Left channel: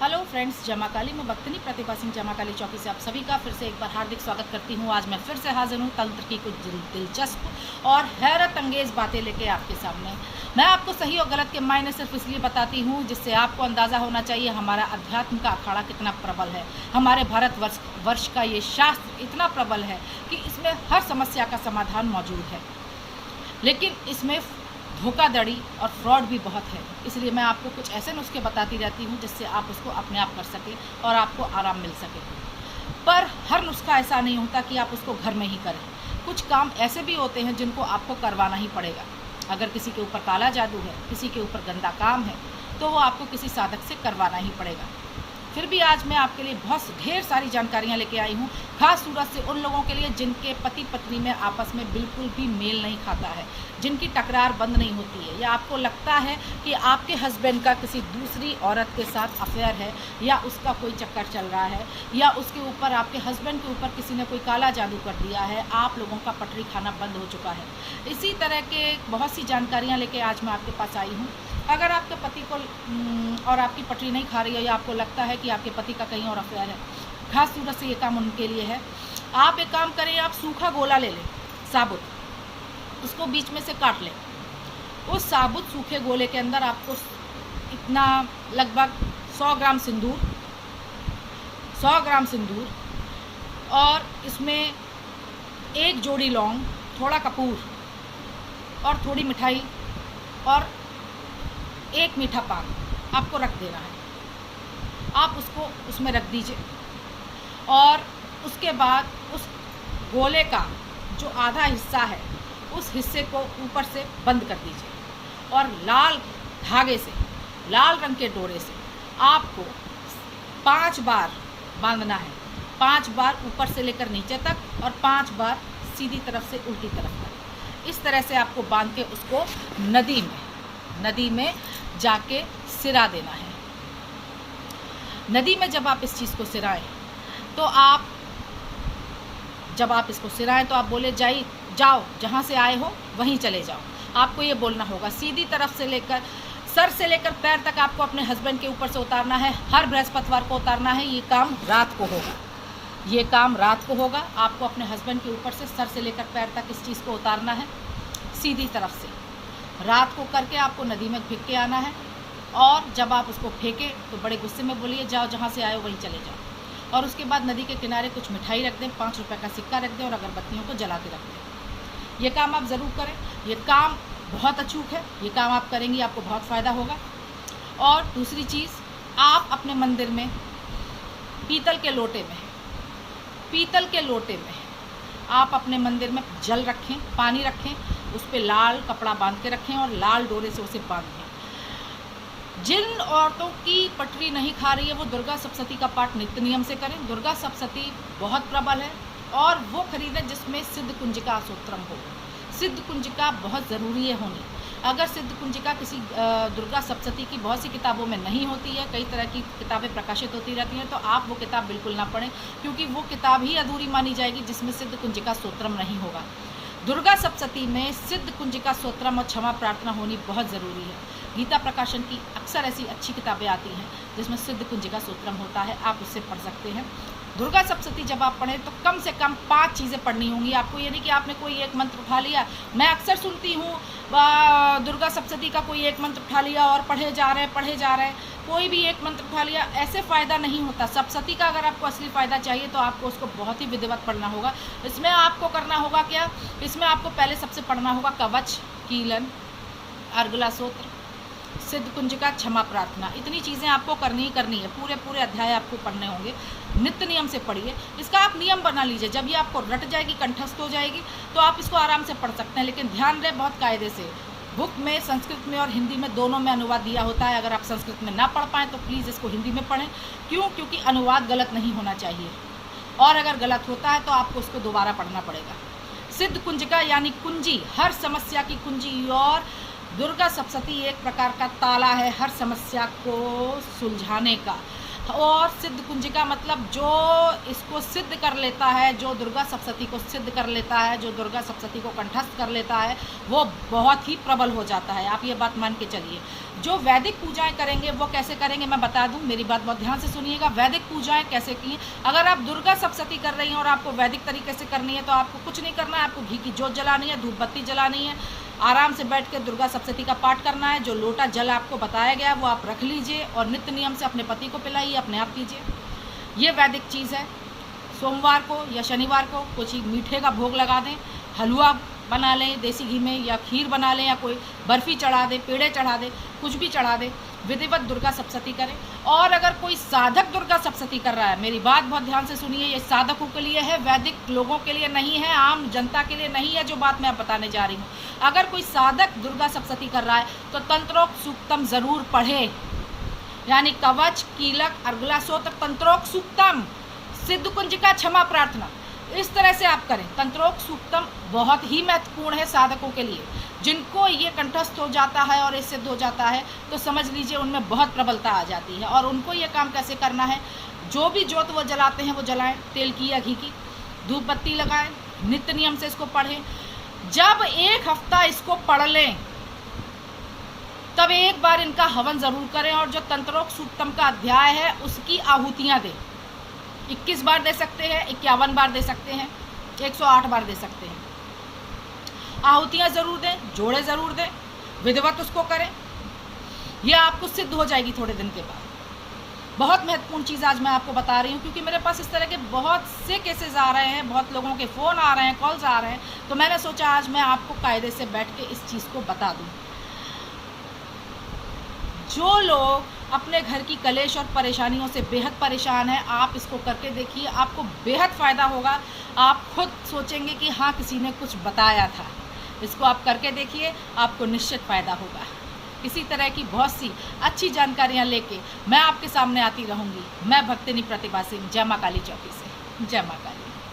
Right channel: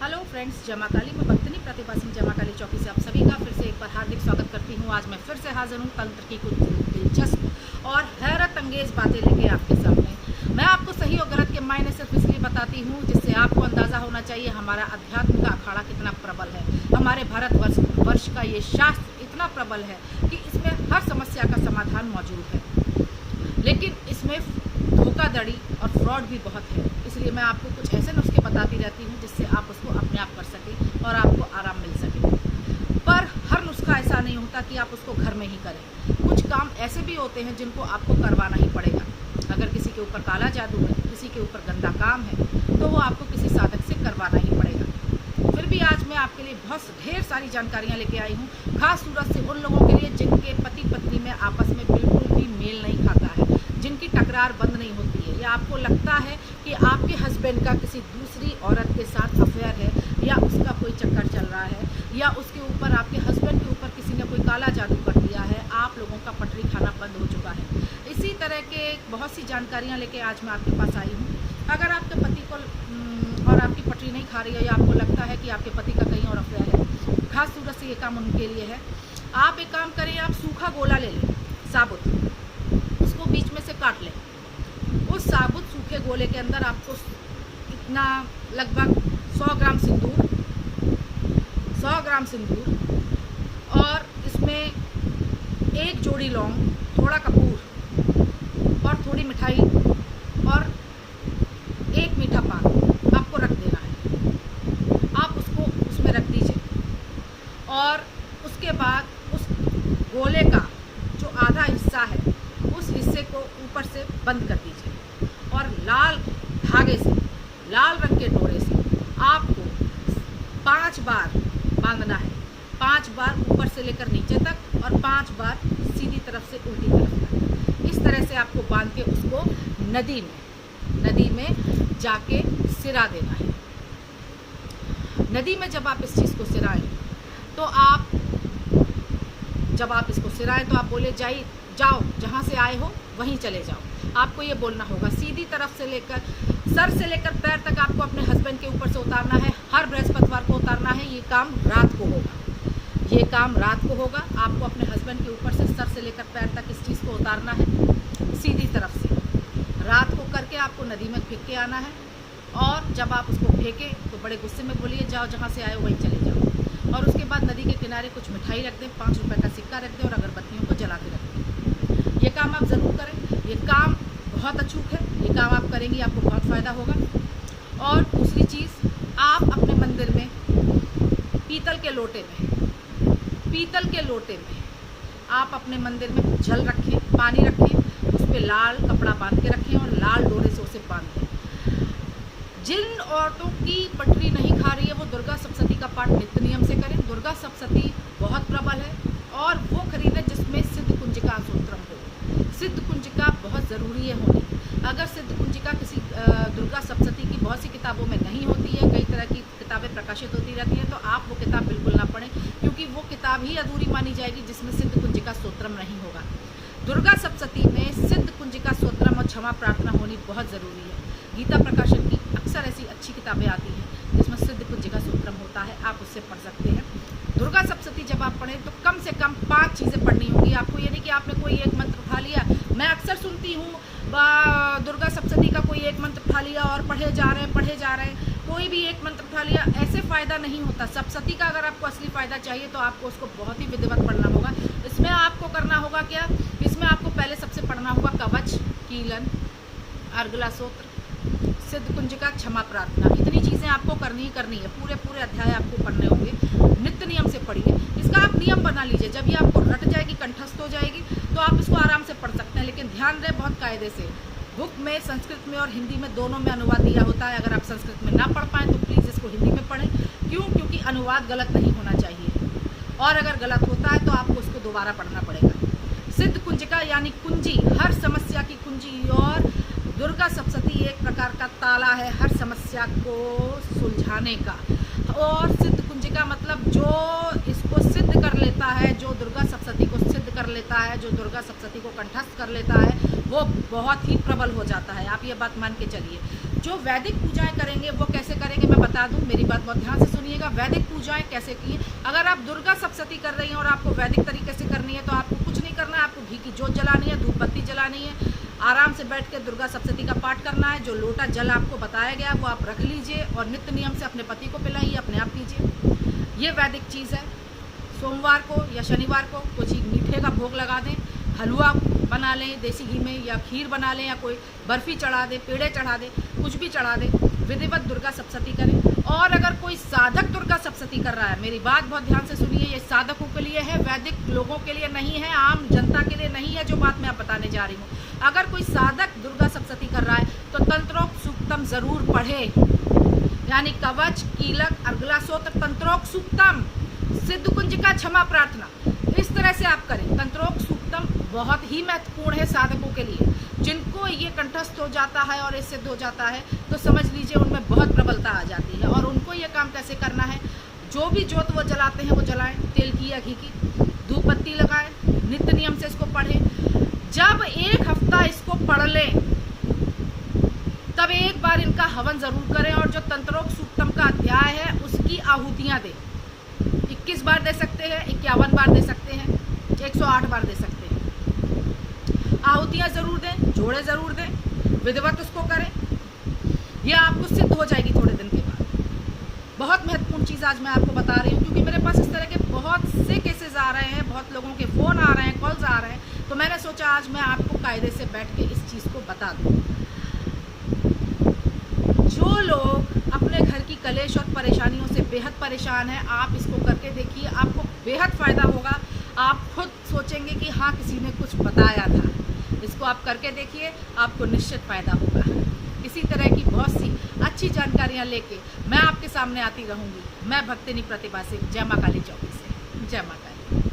Hello friends, जमा काली में भक्तनी प्रतिभा सिंह जमा काली चौकी से आप सभी का फिर से एक बार हार्दिक स्वागत करती हूँ। आज मैं फिर से हाजिर हूँ तंत्र की कुछ दिलचस्प और हैरत अंगेज बातें लेके आपके सामने। मैं आपको सही और गलत के मायने सिर्फ इसलिए बताती हूँ जिससे आपको अंदाज़ा होना चाहिए हमारा अध्यात्म का अखाड़ा कितना प्रबल है। हमारे भारत वर्ष का ये शास्त्र इतना प्रबल है कि इसमें हर समस्या का समाधान मौजूद है, लेकिन इसमें धोखाधड़ी और फ्रॉड भी बहुत है। इसलिए मैं आपको कुछ ऐसे नुस्खे बताती रहती हूँ जिससे आप उसको अपने आप कर सकें और आपको आराम मिल सके। पर हर नुस्खा ऐसा नहीं होता कि आप उसको घर में ही करें। कुछ काम ऐसे भी होते हैं जिनको आपको करवाना ही पड़ेगा। अगर किसी के ऊपर काला जादू है, किसी के ऊपर गंदा काम है, तो वो आपको किसी साधक से करवाना ही पड़ेगा। फिर भी आज मैं आपके लिए बहुत ढेर सारी जानकारियाँ लेके आई हूँ, खास सूरत से उन लोगों के लिए जिनके पति पत्नी में आपस में बिल्कुल भी मेल नहीं खाता है, जिनकी टकरार बंद नहीं होती है, या आपको लगता है कि आपके हस्बैंड का किसी दूसरी औरत के साथ अफेयर है, या उसका कोई चक्कर चल रहा है, या उसके ऊपर आपके हस्बैंड के ऊपर किसी ने कोई काला जादू कर दिया है, आप लोगों का पटरी खाना बंद हो चुका है। इसी तरह के बहुत सी जानकारियाँ लेके आज मैं आपके पास आई हूँ। अगर आपके पति को और आपकी पटरी नहीं खा रही है, या आपको लगता है कि आपके पति का कहीं और अफेयर है, खास सूरत से ये काम उनके लिए है। आप एक काम करें, आप सूखा गोला ले लें, साबुत, उसको बीच में से काट लें। उस साबुत सूखे गोले के अंदर आपको इतना लगभग 100 ग्राम सिंदूर, 100 ग्राम सिंदूर, और इसमें एक जोड़ी लौंग, थोड़ा कपूर और थोड़ी मिठाई और एक मीठा पान आपको रख देना है। आप उसको उसमें रख दीजिए और उसके बाद उस गोले का जो आधा हिस्सा है उस हिस्से को ऊपर से बंद कर दीजिए और लाल धागे से, लाल रंग के डोरे से आपको 5 बार बांधना है। 5 बार ऊपर से लेकर नीचे तक और 5 बार सीधी तरफ से उल्टी तरफ तक। इस तरह से आपको बांध के उसको नदी में जाके सिरा देना है। नदी में जब आप इस चीज़ को सिराएं तो जब आप इसको सिराएं तो आप बोले जाओ, जहाँ से आए हो वहीं चले जाओ। आपको ये बोलना होगा। सीधी तरफ से लेकर सर से लेकर पैर तक आपको अपने हस्बैंड के ऊपर से उतारना है। हर बृहस्पतिवार को उतारना है। ये काम रात को होगा। आपको अपने हस्बैंड के ऊपर से सर से लेकर पैर तक इस चीज़ को उतारना है, सीधी तरफ से। रात को करके आपको नदी में फेंक के आना है, और जब आप उसको फेंकें तो बड़े गुस्से में बोलिए जाओ, जहाँ से आए हो वहीं चले जाओ। और उसके बाद नदी के किनारे कुछ मिठाई रख दें, 5 रुपये का सिक्का रख दें और अगरबत्तियों को जला के रख दें। ये काम आप ज़रूर करें। ये काम बहुत अचूक है। ये काम आप करेंगी, आपको बहुत फ़ायदा होगा। और दूसरी चीज़, आप अपने मंदिर में पीतल के लोटे में आप अपने मंदिर में जल रखें, पानी रखें, उस पर लाल कपड़ा बांध के रखें और लाल डोरे से उसे बांध दें। जिन औरतों की पटरी नहीं खा रही है वो दुर्गा सप्तशती का पाठ नित्य नियम से करें। दुर्गा सप्तशती बहुत प्रबल है, और वो खरीदें जिसमें सिद्ध कुंजिका स्तोत्रम हो। सिद्ध कुंजिका बहुत ज़रूरी है होनी। अगर सिद्ध कुंजिका किसी दुर्गा सप्तशती की बहुत सी किताबों में नहीं होती है, कई तरह की किताबें प्रकाशित होती रहती हैं, तो आप वो किताब बिल्कुल ना पढ़ें, क्योंकि वो किताब ही अधूरी मानी जाएगी जिसमें सिद्ध कुंजिका स्तोत्रम नहीं होगा। दुर्गा सप्तशती में सिद्ध कुंजिका स्तोत्रम और क्षमा प्रार्थना होनी बहुत ज़रूरी है। गीता प्रकाशन की अक्सर ऐसी अच्छी किताबें आती हैं जिसमें सिद्ध कुंजिका स्तोत्रम होता है, आप उससे पढ़ सकते हैं। दुर्गा सप्तशती जब आप पढ़ें तो कम से कम 5 चीज़ें पढ़नी होंगी आपको। ये नहीं कि आपने कोई एक मंत्र उठा लिया। मैं अक्सर सुनती हूँ दुर्गा सप्तशती का कोई एक मंत्र उठा लिया और पढ़े जा रहे हैं, कोई भी एक मंत्र उठा लिया। ऐसे फ़ायदा नहीं होता। सप्तशती का अगर आपको असली फ़ायदा चाहिए तो आपको उसको बहुत ही विधिवत पढ़ना होगा। इसमें आपको करना होगा क्या, इसमें आपको पहले सबसे पढ़ना होगा कवच, कीलन, अर्गला सूत्र, सिद्ध कुंजिका, क्षमा प्रार्थना। इतनी चीज़ें आपको करनी है। पूरे अध्याय आपको पढ़ने होंगे। नित्य नियम से पढ़िए। इसका आप नियम बना लीजिए। जब ये आपको रट जाएगी, कंठस्थ हो जाएगी, तो आप इसको आराम से पढ़ सकते हैं। लेकिन ध्यान रहे बहुत कायदे से। बुक में संस्कृत में और हिंदी में दोनों में अनुवाद दिया होता है। अगर आप संस्कृत में ना पढ़ पाएँ तो प्लीज़ इसको हिंदी में पढ़ें। क्यों? क्योंकि अनुवाद गलत नहीं होना चाहिए, और अगर गलत होता है तो आपको उसको दोबारा पढ़ना पड़ेगा। सिद्ध कुंजिका यानी कुंजी, हर समस्या की कुंजी। और दुर्गा सप्तशती एक प्रकार का ताला है हर समस्या को सुलझाने का। और सिद्ध कुंजिका मतलब जो इसको सिद्ध कर लेता है, जो दुर्गा सप्तशती को सिद्ध कर लेता है, जो दुर्गा सप्तशती को कंठस्थ कर लेता है, वो बहुत ही प्रबल हो जाता है। आप ये बात मान के चलिए। जो वैदिक पूजाएं करेंगे वो कैसे करेंगे मैं बता दूं, मेरी बात बहुत ध्यान से सुनिएगा। वैदिक पूजाएं कैसे की, अगर आप दुर्गा सप्तशती कर रही हैं और आपको वैदिक तरीके से करनी है तो आपको कुछ नहीं करना है, आपको घी की जोत जलानी है, धूप बत्ती जलानी है, आराम से बैठ के दुर्गा सप्तशती का पाठ करना है। जो लोटा जल आपको बताया गया है वो आप रख लीजिए और नित्य नियम से अपने पति को पिलाइए, अपने आप पीजिए। ये वैदिक चीज़ है। सोमवार को या शनिवार को कुछ मीठे का भोग लगा दें, हलवा बना लें देसी घी में, या खीर बना लें, या कोई बर्फ़ी चढ़ा दें, पेड़े चढ़ा दें, कुछ भी चढ़ा दें, विधिवत दुर्गा सप्तशती करें। और अगर कोई साधक दुर्गा सप्तशती कर रहा है, मेरी बात बहुत ध्यान से सुनिए, ये साधकों के लिए है, वैदिक लोगों के लिए नहीं है, आम जनता के लिए नहीं है जो बात मैं आप बताने जा रही हूँ। अगर कोई साधक दुर्गा सप्तशती कर रहा है तो तंत्रोक्त सूक्तम ज़रूर पढ़े, यानी कवच, कीलक, अर्गला सूत्र, तंत्रोक्त सूक्तम, सिद्ध कुंजिका, क्षमा प्रार्थना, इस तरह से आप करें। तंत्रोक्त सूक्तम बहुत ही महत्वपूर्ण है साधकों के लिए। जिनको ये कंठस्थ हो जाता है और ये सिद्ध हो जाता है तो समझ लीजिए उनमें बहुत प्रबलता आ जाती है। और उनको ये काम कैसे करना है, जो भी जोत वो जलाते हैं वो जलाएं, तेल की या घी की, धूप बत्ती लगाएं, नित्य नियम से इसको पढ़ें। जब 1 हफ्ता इसको पढ़ लें तब एक बार इनका हवन ज़रूर करें, और जो तंत्रोक्त सूक्तम का अध्याय है उसकी आहुतियाँ दें। 21 बार दे सकते हैं, 51 बार दे सकते हैं, 108 बार दे सकते हैं। आहुतियाँ ज़रूर दें, जोड़े ज़रूर दें, विधिवत उसको करें। यह आपको सिद्ध हो जाएगी थोड़े दिन के बाद। बहुत महत्वपूर्ण चीज़ आज मैं आपको बता रही हूँ, क्योंकि मेरे पास इस तरह के बहुत से केसेस आ रहे हैं, बहुत लोगों के फ़ोन आ रहे हैं, कॉल्स आ रहे हैं, तो मैंने सोचा आज मैं आपको कायदे से बैठ के इस चीज़ को बता दूँ। जो लोग अपने घर की कलेश और परेशानियों से बेहद परेशान हैं, आप इसको करके देखिए, आपको बेहद फ़ायदा होगा। आप खुद सोचेंगे कि हाँ किसी ने कुछ बताया था। इसको आप करके देखिए, आपको निश्चित फ़ायदा होगा। इसी तरह की बहुत सी अच्छी जानकारियाँ लेके मैं आपके सामने आती रहूँगी। मैं भक्तिनी प्रतिभा सिंह, जय माँ काली चौकी से। जय माँ काली।